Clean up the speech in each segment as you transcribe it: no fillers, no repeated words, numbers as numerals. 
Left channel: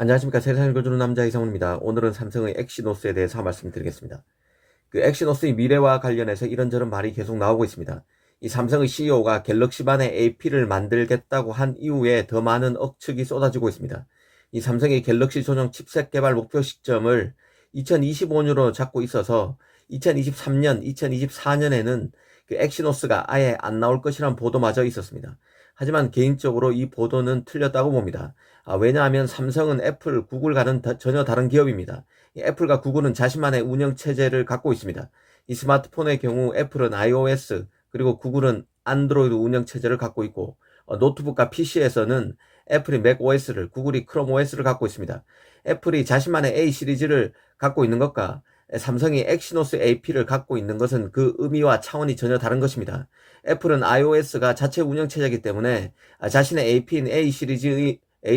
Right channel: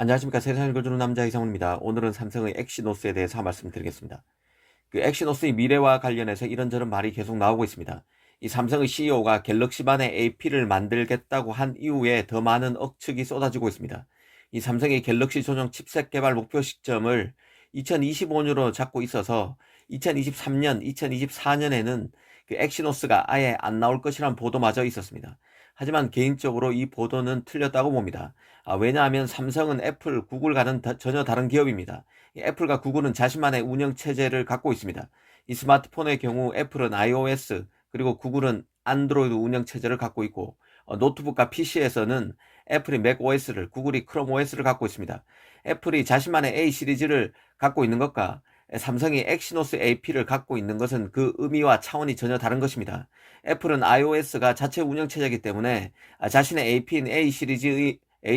안녕하십니까. 세상을 거주는 남자 이상훈입니다. 오늘은 삼성의 엑시노스에 대해서 말씀드리겠습니다. 엑시노스의 미래와 관련해서 이런저런 말이 계속 나오고 있습니다. 이 삼성의 CEO가 갤럭시반의 AP를 만들겠다고 한 이후에 더 많은 억측이 쏟아지고 있습니다. 이 삼성의 갤럭시 전용 칩셋 개발 목표 시점을 2025년으로 잡고 있어서 2023년, 2024년에는 엑시노스가 아예 안 나올 것이라는 보도마저 있었습니다. 하지만 개인적으로 이 보도는 틀렸다고 봅니다. 왜냐하면 삼성은 애플, 구글과는 전혀 다른 기업입니다. 애플과 구글은 자신만의 운영 체제를 갖고 있습니다. 이 스마트폰의 경우 애플은 iOS 그리고 구글은 안드로이드 운영 체제를 갖고 있고 노트북과 PC에서는 애플이 맥OS를 구글이 크롬OS를 갖고 있습니다. 애플이 자신만의 A 시리즈를 갖고 있는 것과 삼성이 엑시노스 AP를 갖고 있는 것은 그 의미와 차원이 전혀 다른 것입니다. 애플은 iOS가 자체 운영 체제이기 때문에 자신의 AP인 A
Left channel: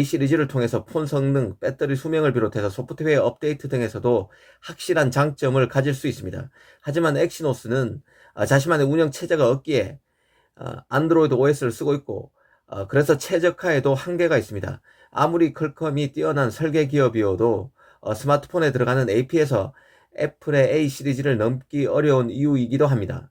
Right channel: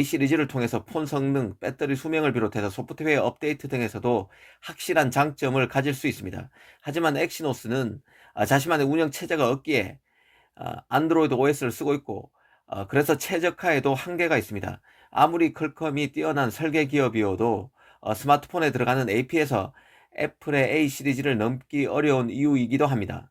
시리즈를 통해서 폰 성능, 배터리 수명을 비롯해서 소프트웨어 업데이트 등에서도 확실한 장점을 가질 수 있습니다. 하지만 엑시노스는 자신만의 운영 체제가 없기에 안드로이드 OS를 쓰고 있고 그래서 최적화에도 한계가 있습니다. 아무리 퀄컴이 뛰어난 설계 기업이어도 스마트폰에 들어가는 AP에서 애플의 A 시리즈를 넘기 어려운 이유이기도 합니다.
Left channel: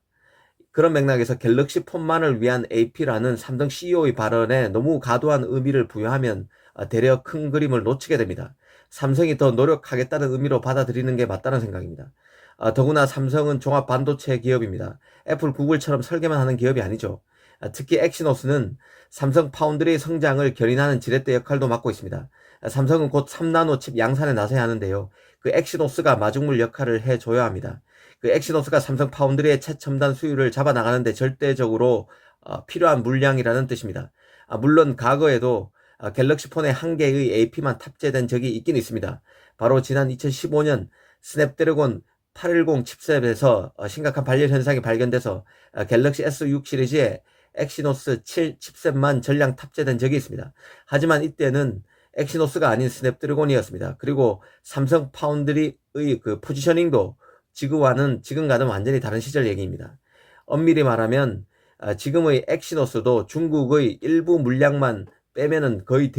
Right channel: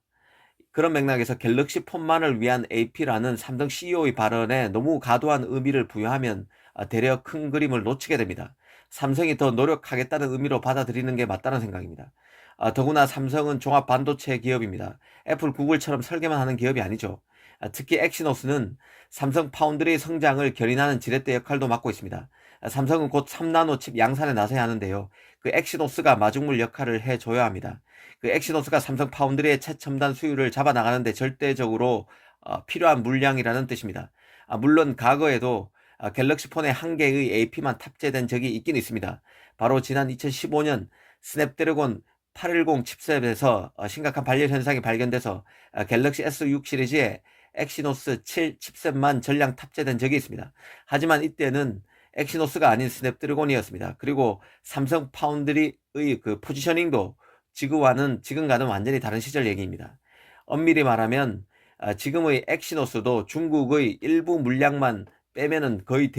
그런 맥락에서 갤럭시 폰만을 위한 AP라는 삼성 CEO의 발언에 너무 과도한 의미를 부여하면 대려 큰 그림을 놓치게 됩니다. 삼성이 더 노력하겠다는 의미로 받아들이는 게 맞다는 생각입니다. 더구나 삼성은 종합 반도체 기업입니다. 애플, 구글처럼 설계만 하는 기업이 아니죠. 특히 엑시노스는 삼성 파운드리의 성장을 견인하는 지렛대 역할도 맡고 있습니다. 삼성은 곧 3나노 칩 양산에 나서야 하는데요. 엑시노스가 마중물 역할을 해줘야 합니다. 엑시노스가 삼성 파운드리의 최첨단 수율을 잡아나가는데 절대적으로 필요한 물량이라는 뜻입니다. 물론 과거에도 갤럭시 폰에 한 개의 AP만 탑재된 적이 있긴 있습니다. 바로 지난 2015년 스냅드래곤 810 칩셋에서 심각한 발열 현상이 발견돼서 갤럭시 S6 시리즈에 엑시노스 7 칩셋만 전량 탑재된 적이 있습니다. 하지만 이때는 엑시노스가 아닌 스냅드래곤이었습니다. 그리고 삼성 파운드리의 포지셔닝도 지금과는 완전히 다른 시절 얘기입니다. 엄밀히 말하면 지금의 엑시노스도 중국의 일부 물량만 빼면은 거의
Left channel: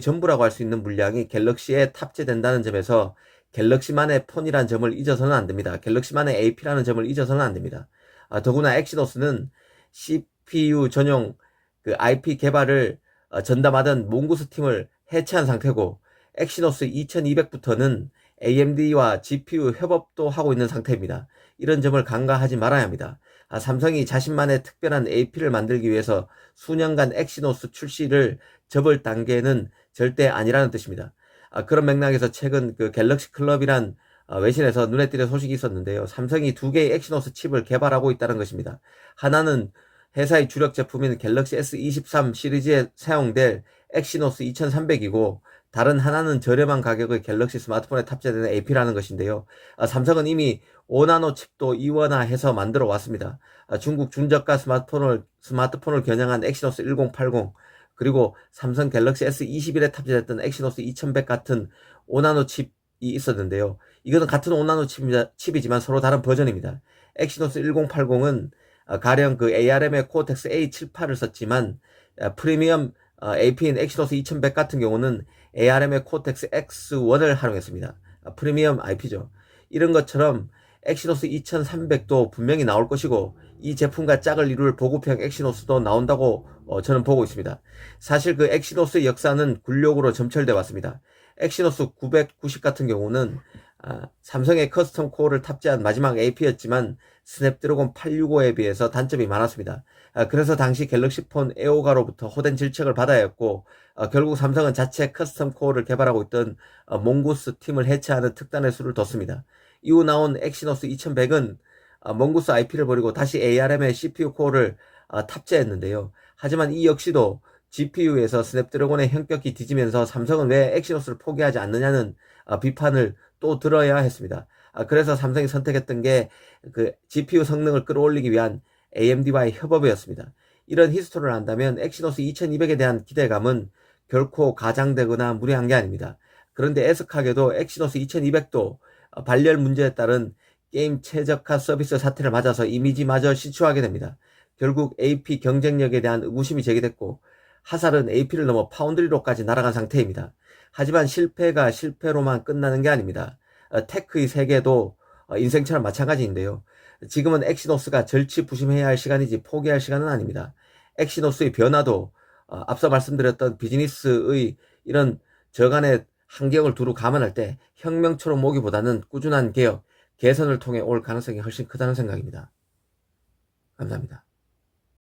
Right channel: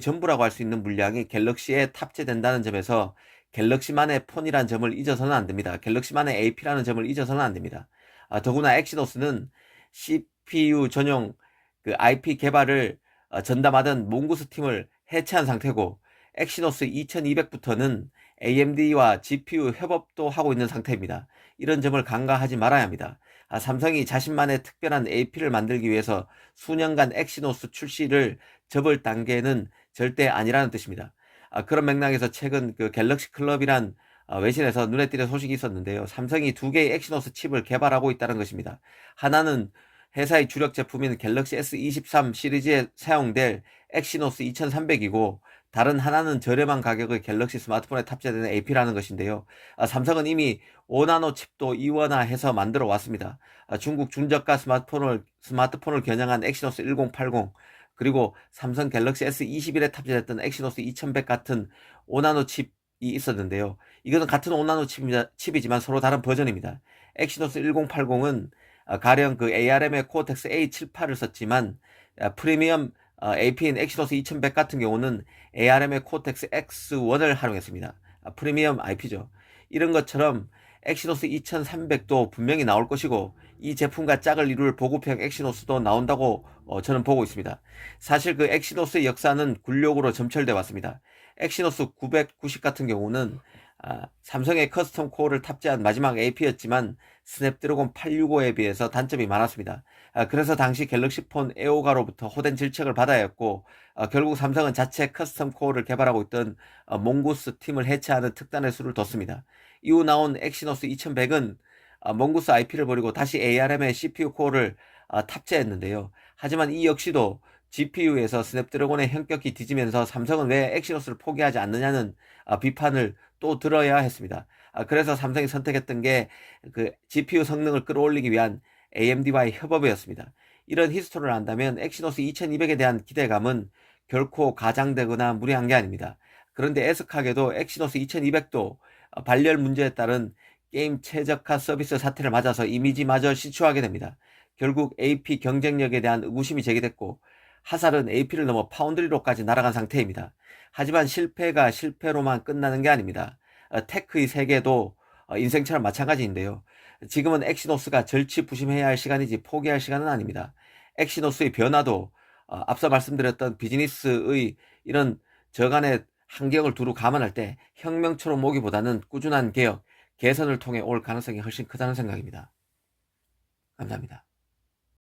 전부라고 할 수 있는 물량이 갤럭시에 탑재된다는 점에서 갤럭시만의 폰이라는 점을 잊어서는 안 됩니다. 갤럭시만의 AP라는 점을 잊어서는 안 됩니다. 더구나 엑시노스는 CPU 전용 IP 개발을 전담하던 몽고스 팀을 해체한 상태고 엑시노스 2200부터는 AMD와 GPU 협업도 하고 있는 상태입니다. 이런 점을 간과하지 말아야 합니다. 삼성이 자신만의 특별한 AP를 만들기 위해서 수년간 엑시노스 출시를 접을 단계는 절대 아니라는 뜻입니다. 그런 맥락에서 최근 갤럭시 클럽이란 외신에서 눈에 띄는 소식이 있었는데요. 삼성이 두 개의 엑시노스 칩을 개발하고 있다는 것입니다. 하나는 회사의 주력 제품인 갤럭시 S23 시리즈에 사용될 엑시노스 2300이고 다른 하나는 저렴한 가격의 갤럭시 스마트폰에 탑재되는 AP라는 것인데요. 삼성은 이미 5나노 칩도 이원화해서 만들어 왔습니다. 중국 중저가 스마트폰을 겨냥한 엑시노스 1080 그리고 삼성 갤럭시 S21에 탑재됐던 엑시노스 2100 같은 5나노 칩이 있었는데요. 이것은 같은 5나노 칩이지만 서로 다른 버전입니다. 엑시노스 1080은 가령 ARM의 코어텍스 A78을 썼지만 프리미엄 AP인 엑시노스 2100 같은 경우는 ARM의 코텍스 X1을 활용했습니다. 프리미엄 IP죠. 이런 것처럼 엑시노스 2300도 분명히 나올 것이고 이 제품과 짝을 이룰 보급형 엑시노스도 나온다고 저는 보고 있습니다. 사실 엑시노스의 역사는 굴욕으로 점철돼 왔습니다. 엑시노스 990 같은 경우는 삼성의 커스텀 코어를 탑재한 마지막 AP였지만 스냅드래곤 865에 비해서 단점이 많았습니다. 그래서 당시 갤럭시 폰 에오가로부터 호된 질책을 받아야 했고 결국 삼성은 자체 커스텀 코어를 개발하고 있던 몽고스 팀을 해체하는 특단의 수를 뒀습니다. 이후 나온 엑시노스 2100은 몽고스 IP를 버리고 다시 ARM의 CPU 코어를 탑재했는데요. 하지만 이 역시도 GPU에서 스냅드래곤의 현격히 뒤지면서 삼성은 왜 엑시노스를 포기하지 않느냐는 비판을 또 들어야 했습니다. 그래서 삼성이 선택했던 게 GPU 성능을 끌어올리기 위한 AMD와의 협업이었습니다. 이런 히스토리를 안다면 엑시노스 2200에 대한 기대감은 결코 가장되거나 무리한 게 아닙니다. 그런데 애석하게도 엑시노스 2200도 발열 문제에 따른 게임 최적화 서비스 사태를 맞아서 이미지마저 시추하게 됩니다. 결국 AP 경쟁력에 대한 의구심이 제기됐고 하살은 AP를 넘어 파운드리로까지 날아간 상태입니다. 하지만 실패가 실패로만 끝나는 게 아닙니다. 테크의 세계도 인생처럼 마찬가지인데요. 지금은 엑시노스가 절치부심해야 할 시간이지 포기할 시간은 아닙니다. 엑시노스의 변화도 앞서 말씀드렸던 비즈니스의 이런 저간의 환경을 두루 감안할 때 혁명처럼 오기보다는 꾸준한 개혁, 개선을 통해 올 가능성이 훨씬 크다는 생각입니다. 감사합니다.